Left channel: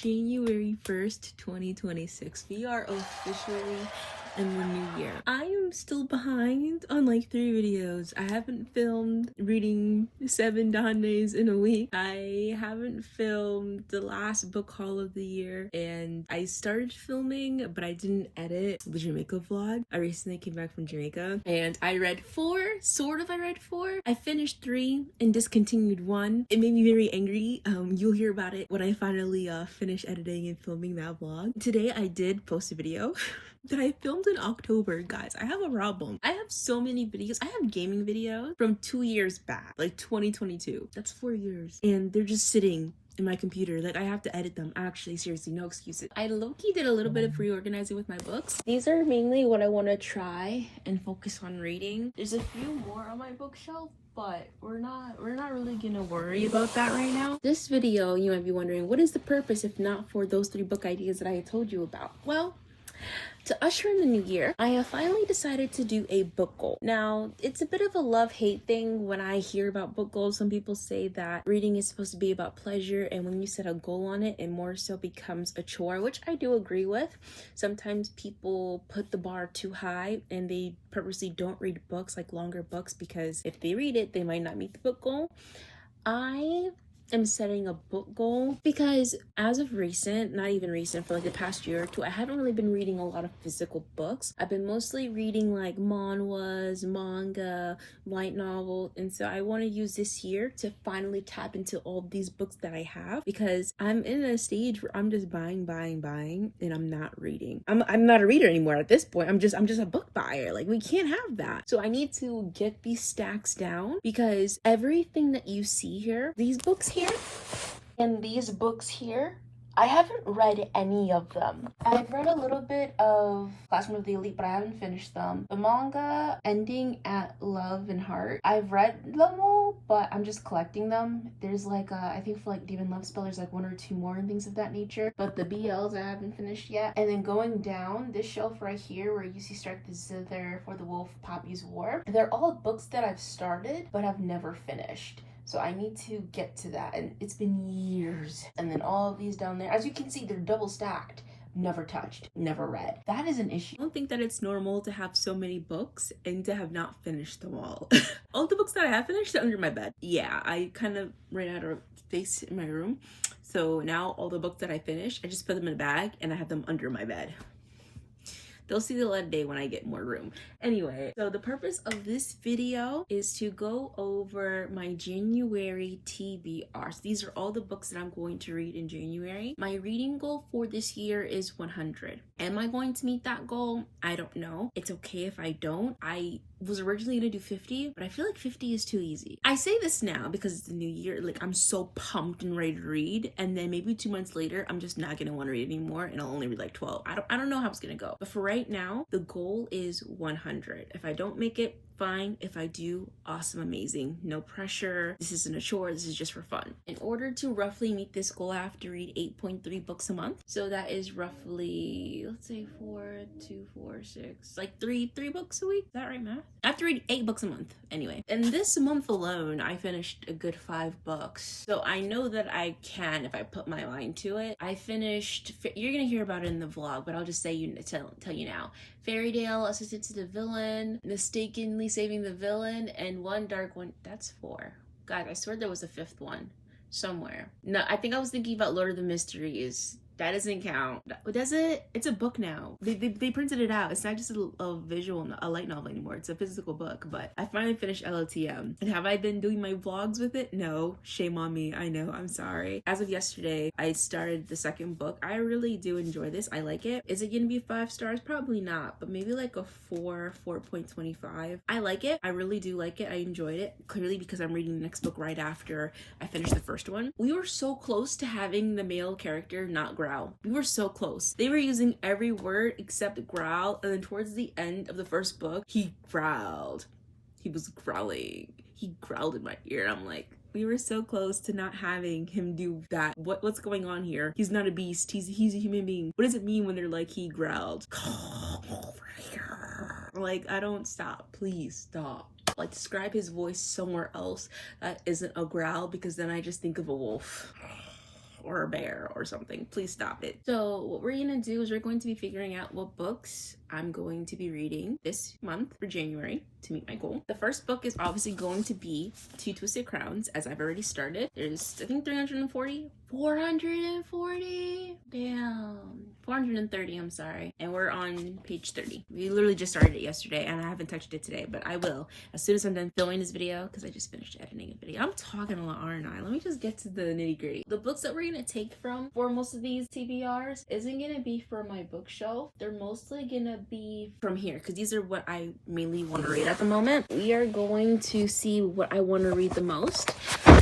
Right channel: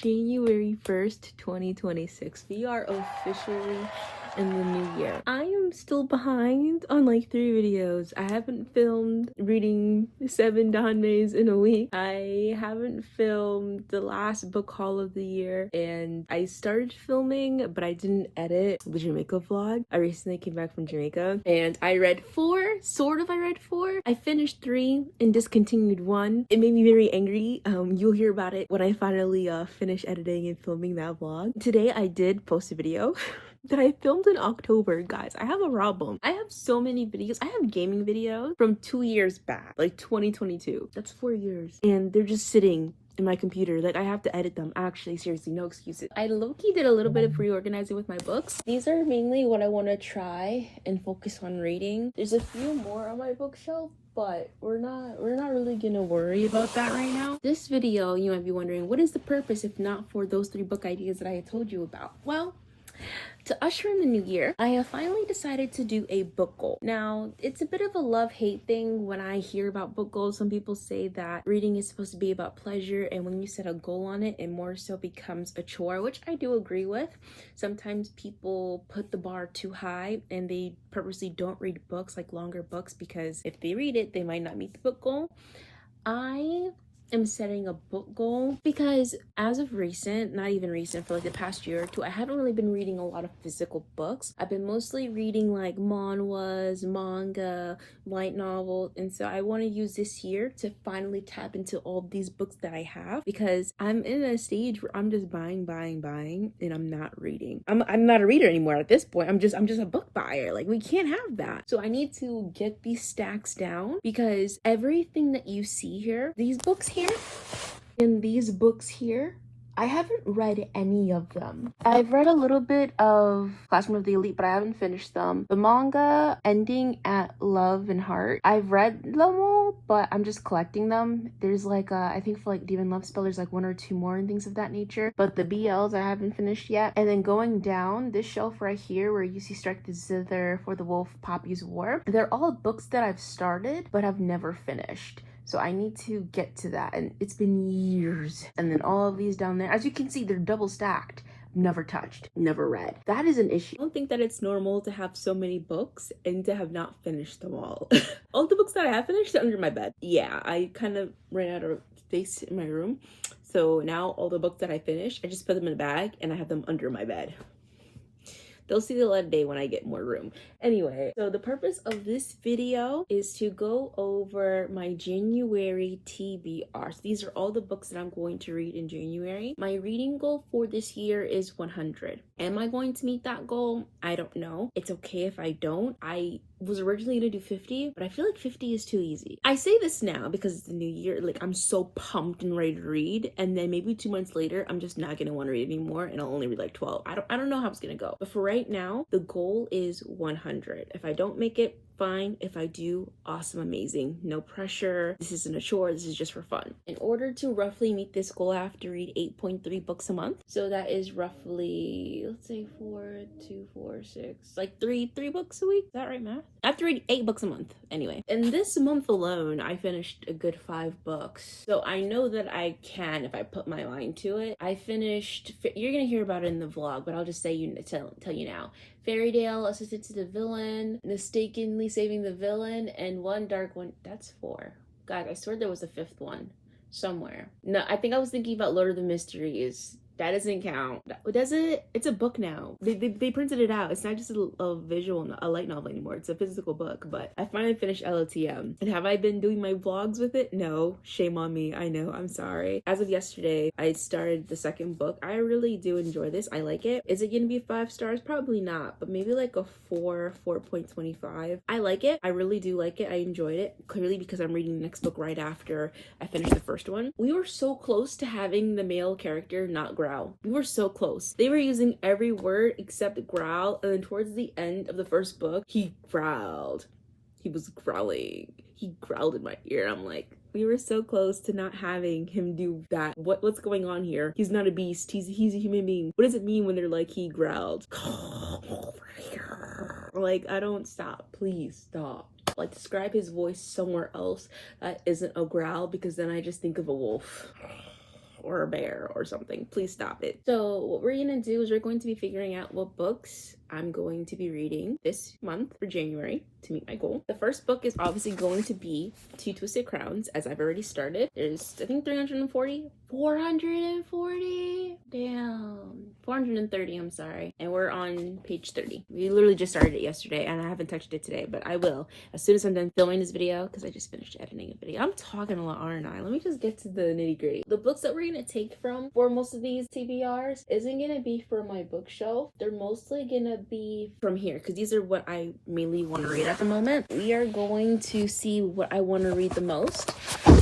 January 1st, 2026. We are officially in the new year. I am still behind on like 3 videos. I haven't filmed reading 7 Danmes in a week. I haven't filmed the last book haul of the year, and I started filming but I didn't edit the Jamaica vlog. I recently came back from Jamaica and I read 4. I read 4. I finished 3 and discontinued 1. It made me very angry. You'll hear about it when I finally finish editing and filming that vlog. Today I did post a video that I filmed in October. Guys, I have a problem. I have so many videos. I have gaming videos from 2 years back, like 2022. That's 4 years. And they're just sitting in my computer. Like, I have to edit them. Actually, seriously, no excuses. I low-key did a little bit of reorganizing with my books. These are mainly what I want to try and focus on reading. There's a few more on my bookshelf, but we're not really gonna worry about that right now. This video, you might be wondering, what is the purpose if not for those 3 book ideas that I had told you about? Well, to usher in the new year, I have finally decided to do a book goal. Now, it's a bit of a love-hate thing when I hear about book goals. Some people say that reading is supposed to be about pleasure, and when you set a goal on it, it more so becomes a chore, which I do agree with. Sometimes people put the bar too high and they purposely don't read books, like longer books, because if they read it, they might not meet the book goal. I am setting a book goal because as of recent, not even recent, for like the past year or 2, I haven't really been reading a lot of physical books. I've been mostly reading like manhwas, manga, light novels, and so I want to use this year to finally tap into all these books that I have, because I'm in a stage where I'm just buying, and I'm not reading. I'm not a reader anymore at this point. I'm just a book buyer. Like, we can't have that. So I need to get these stacks down, because everything that you see here, these books here and these books here, I haven't read any of them. I've read a little bit of Classroom of the Elite, but I haven't finished them. The manga ending at Love and Heart, I've read them all, but I'm just collecting them. There's like I think for like Demon Love Spell, there's like 1 or 2 more and things of that nature, but the BLs I haven't finished yet. And then going down this shelf right here where you see Strike the Zither, For the Wolf, Poppy's War, they're all books that I've started but have never finished. So I need to get to that, and it's been years. And then all of these down there, as you can see, they're double stacked. Never touched, never read. That is an issue. I don't think that it's normal to have so many books and to have not finished them all. All the books that I have finished are under my bed. Yeah, I kind of ran out of space in my room. So now all the books that I finished, I just put them in a bag and I have them under my bed. They'll see the light of day when I get more room. Anyway, so the purpose of this video is to go over my January TBR. So these are all the books that I'm going to read in January. My reading goal for this year is 100. Am I going to meet that goal? I don't know. It's okay if I don't. I was originally gonna do 50, but I feel like 50 is too easy. I say this now because it's the new year. Like, I'm so pumped and ready to read, and then maybe 2 months later, I'm just not gonna want to read anymore, and I'll only read like 12. I don't know how it's gonna go. But for right now, the goal is 100. If I don't make it, fine. If I do, awesome, amazing. No pressure. This isn't a chore. This is just for fun. In order to roughly meet this goal, I have to read 8.3 books a month. So that is roughly, let's say 4, 2, 4, 6, like 3 books a week. Is that right, math? I have to read 8 books a month. Anyway, and this month alone, I finished a good 5 books. So I know that I can if I put my mind to it. I finished, you're gonna hear about it in the vlog, but I'll just say tell you now. Fairy Tale, Assistant to the Villain, Mistakenly Saving the Villain, and One Dark One. That's 4. God, I swear there was a 5th one somewhere. No, I think I was thinking about Lord of the Mysteries. That doesn't count. Does it? It's a book now. They printed it out. It's not just a visual, a light novel anymore. It's a physical book. But I finally finished LOTM. And have I been doing my vlogs with it? No. Shame on me. I know. I'm sorry. As of yesterday, I started the 2nd book. I really do enjoy this. I like it. Is it going to be 5 stars? Probably not. But maybe like a 4.25. I like it. I really do like it. I enjoyed it. Clearly because I'm reading the next book right after I finished the first one. We were so close to having the male character not growl. We were so close. They were using every word except growl, and then towards the end of the first book, he growled. He was growling. He growled in my ear. I'm like, we were so close to not having him do that. What's going on here? He's not a beast. He's a human being. What does it mean when they're like, he growled? Like, I don't stop. Please stop. Like, describe his voice somewhere else that isn't a growl, because then I just think of a wolf. or a bear or something. Please stop it. So what we're gonna do is we're going to be figuring out what books I'm going to be reading this month for January to meet my goal. The first book is obviously going to be Two Twisted Crowns, as I've already started. There's, I think, 440? Damn. 430, I'm sorry. And we're on page 30. We literally just started it yesterday, and I haven't touched it today, but I will as soon as I'm done filming this video, because I just finished editing a video. I'm talking a lot, aren't I? Let me just get to the nitty-gritty. The books that we're gonna take from for most of these TBRs isn't gonna be from my bookshelf. They're mostly gonna be from here, because these are what I mainly want to read at the moment. We are going to see what I want to read the most.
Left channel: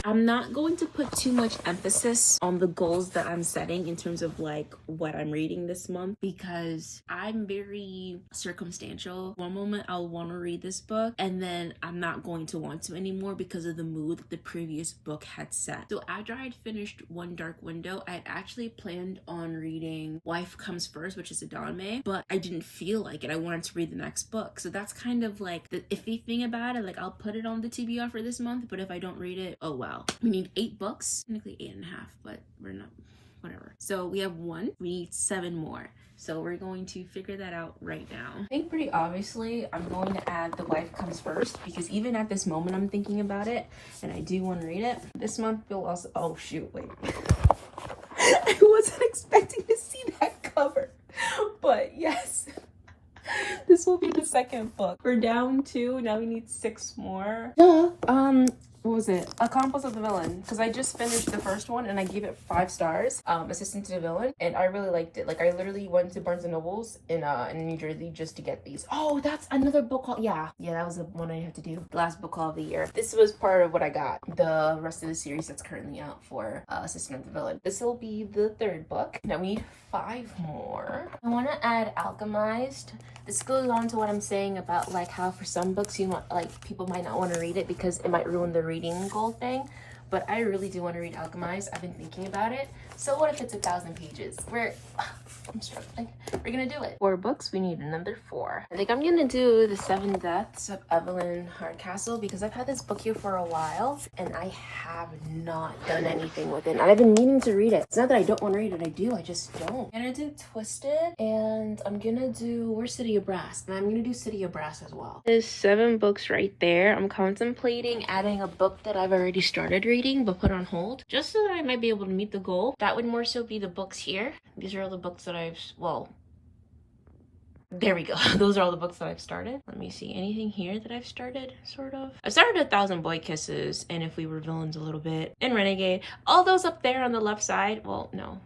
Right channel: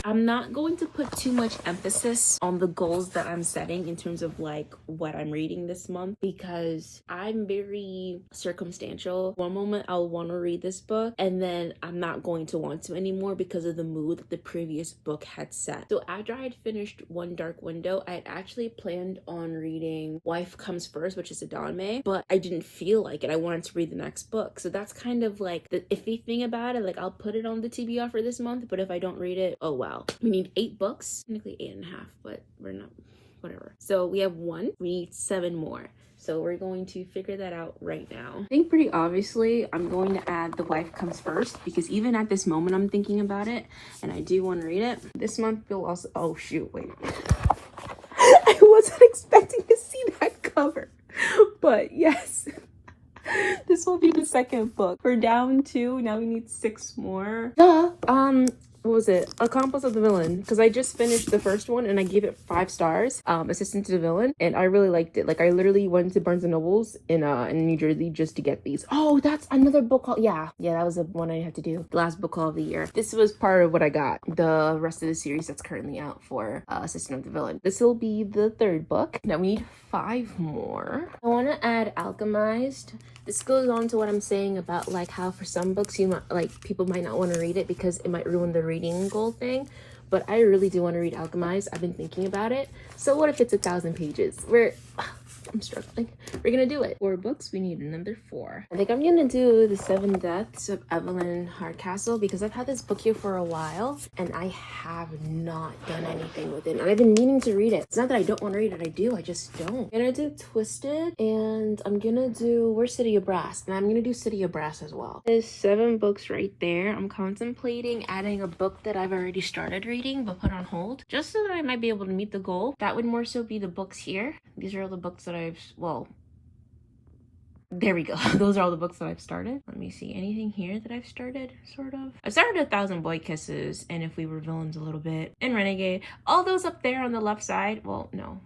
I'm not going to put too much emphasis on the goals that I'm setting in terms of like what I'm reading this month, because I'm very circumstantial. One moment I'll want to read this book, and then I'm not going to want to anymore because of the mood that the previous book had set. So after I had finished One Dark Window, I had actually planned on reading Wife Comes First, which is a Danme, but I didn't feel like it. I wanted to read the next book. So that's kind of like the iffy thing about it. Like, I'll put it on the TBR for this month, but if I don't read it, oh wow. We need 8 books, technically 8.5, but we're not, whatever. So we have 1, we need 7 more. So we're going to figure that out right now. I think pretty obviously I'm going to add The Wife Comes First, because even at this moment I'm thinking about it and I do want to read it. This month you'll also, oh shoot, wait. I wasn't expecting to see that cover, but yes. This will be the second book. We're down 2, now we need 6 more. What was it? Accomplice of the Villain, because I just finished the first one and I gave it 5 stars. Assistant to the Villain, and I really liked it. Like, I literally went to Barnes and Nobles in New Jersey just to get these. Oh, that's another book called, yeah, that was the one I had to do. The last book call of the year. This was part of what I got. The rest of the series that's currently out for Assistant of the Villain. This will be the 3rd book. Now we need 5 more. I want to add Alchemized. This goes on to what I'm saying about like how for some books you might, like, people might not want to read it because it might ruin the reading goal thing, but I really do want to read Alchemized. I've been thinking about it. So what if it's 1,000 pages? I'm struggling. We're gonna do it. 4 books, we need another 4. I think I'm gonna do The 7 Deaths of Evelyn Hardcastle, because I've had this book here for a while and I have not done anything with it, and I've been meaning to read it. It's not that I don't want to read it, I do, I just don't. I'm gonna do Twisted, and I'm gonna do Where's City of Brass, and I'm gonna do City of Brass as well. There's 7 books right there. I'm contemplating adding a book that I've already started reading but put on hold, just so that I might be able to meet the goal. That would more so be the books here. These are all the books that well, there we go. Those are all the books that I've started. Let me see, anything here that I've started, sort of. I started 1,000 Boy Kisses, and If We Were Villains a little bit, and Renegade. All those up there on the left side, well, no.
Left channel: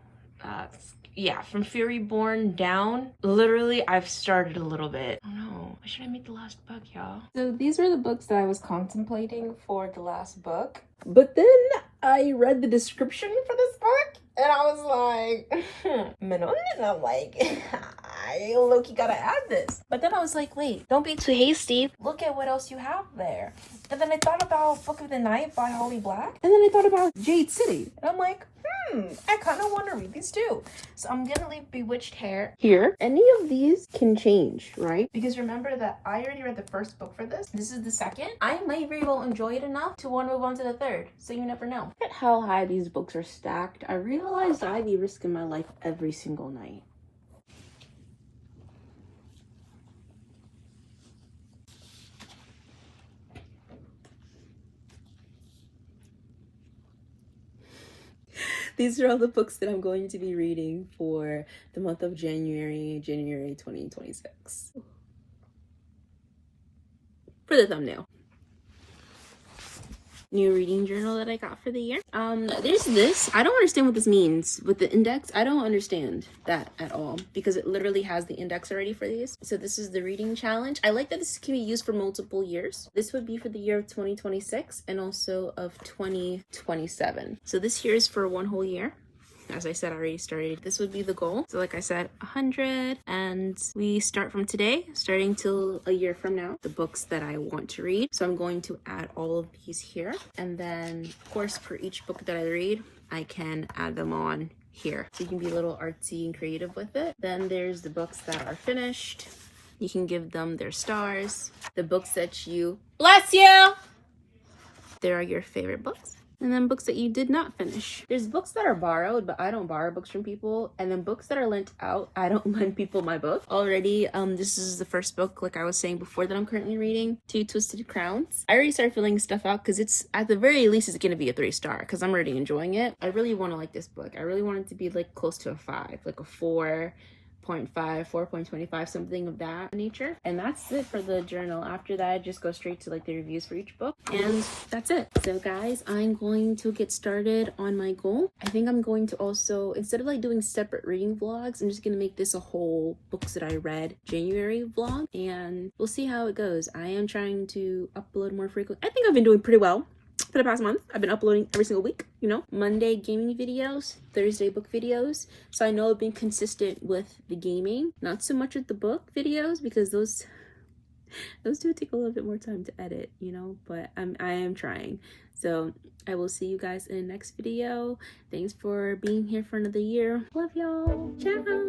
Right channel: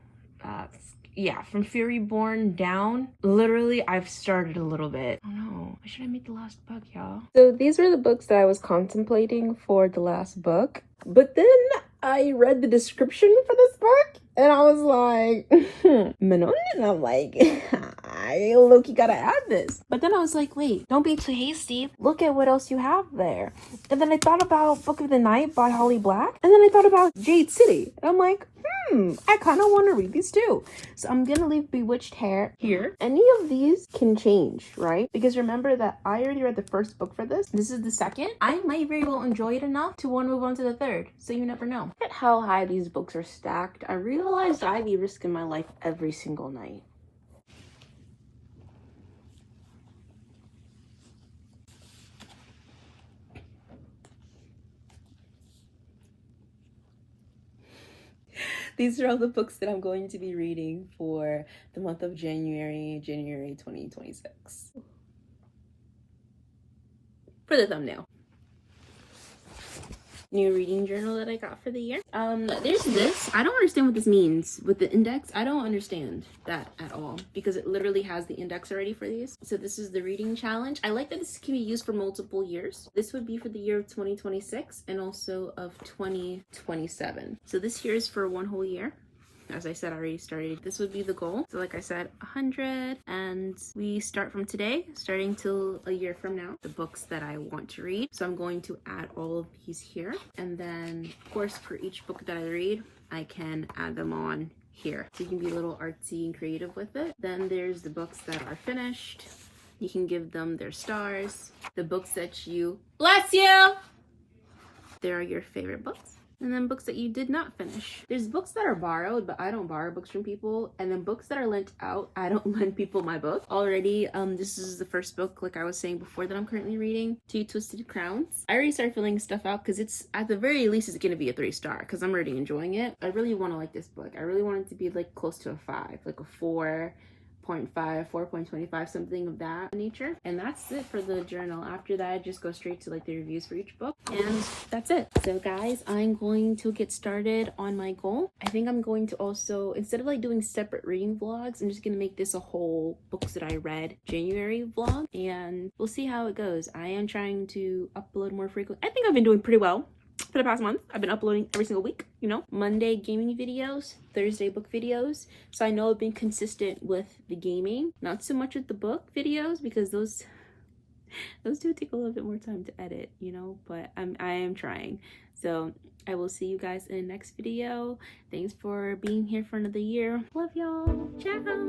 Yeah, from Fury Born down, literally I've started a little bit. Oh no, why should I make the last book, y'all? So these were the books that I was contemplating for the last book, but then I read the description for this book and I was like, Manon, and I'm like, I low-key gotta add this. But then I was like, wait, don't be too hasty. Look at what else you have there. And then I thought about Book of the Night by Holly Black. And then I thought about Jade City. And I'm like, I kind of want to read these too. So I'm gonna leave Bewitched Hair here. Any of these can change, right? Because remember that I already read the first book for this. This is the second. I might very well enjoy it enough to want to move on to the 3rd. So you never know. Look at how high these books are stacked. I realized I'd be risking my life every single night. These are all the books that I'm going to be reading for the month of January 2026. For the thumbnail. New reading journal that I got for the year. There's this. I don't understand what this means with the index. I don't understand that at all, because it literally has the index already for these. So this is the reading challenge. I like that this can be used for multiple years. This would be for the year of 2026 and also of 2027. So this here is for 1 whole year. As I said, I already started. This would be the goal. So like I said, 100, and we start from today, starting till a year from now, the books that I want to read. So I'm going to add all of these here. And then of course, for each book that I read, I can add them on here. So you can be a little artsy and creative with it. Then there's the books that are finished. You can give them their stars. The books that you, bless you, there are your favorite books. And then books that you did not finish. There's books that are borrowed, but I don't borrow books from people. And then books that are lent out, I don't lend people my book. Already, this is the first book, like I was saying before, that I'm currently reading, Two Twisted Crowns. I already started filling stuff out because it's, at the very least, it's gonna be a 3-star because I'm already enjoying it. I really want to like this book. I really want it to be like close to a 5, like a 4.5, 4.25, something of that nature. And that's it for the journal. After that, I just go straight to like the reviews for each book, and that's it. So guys, I'm going to get started on my goal. I think I'm going to also, instead of like doing separate reading vlogs, I'm just gonna make this a whole books that I read January vlog, and we'll see how it goes. I am trying to upload more frequently. I think I've been doing pretty well for the past month. I've been uploading every single week, you know, Monday gaming videos, Thursday book videos. So I know I've been consistent with the gaming, not so much with the book videos because those do take a little bit more time to edit, you know, but I am trying. So I will see you guys in the next video. Thanks for being here for another year. Love y'all. Ciao.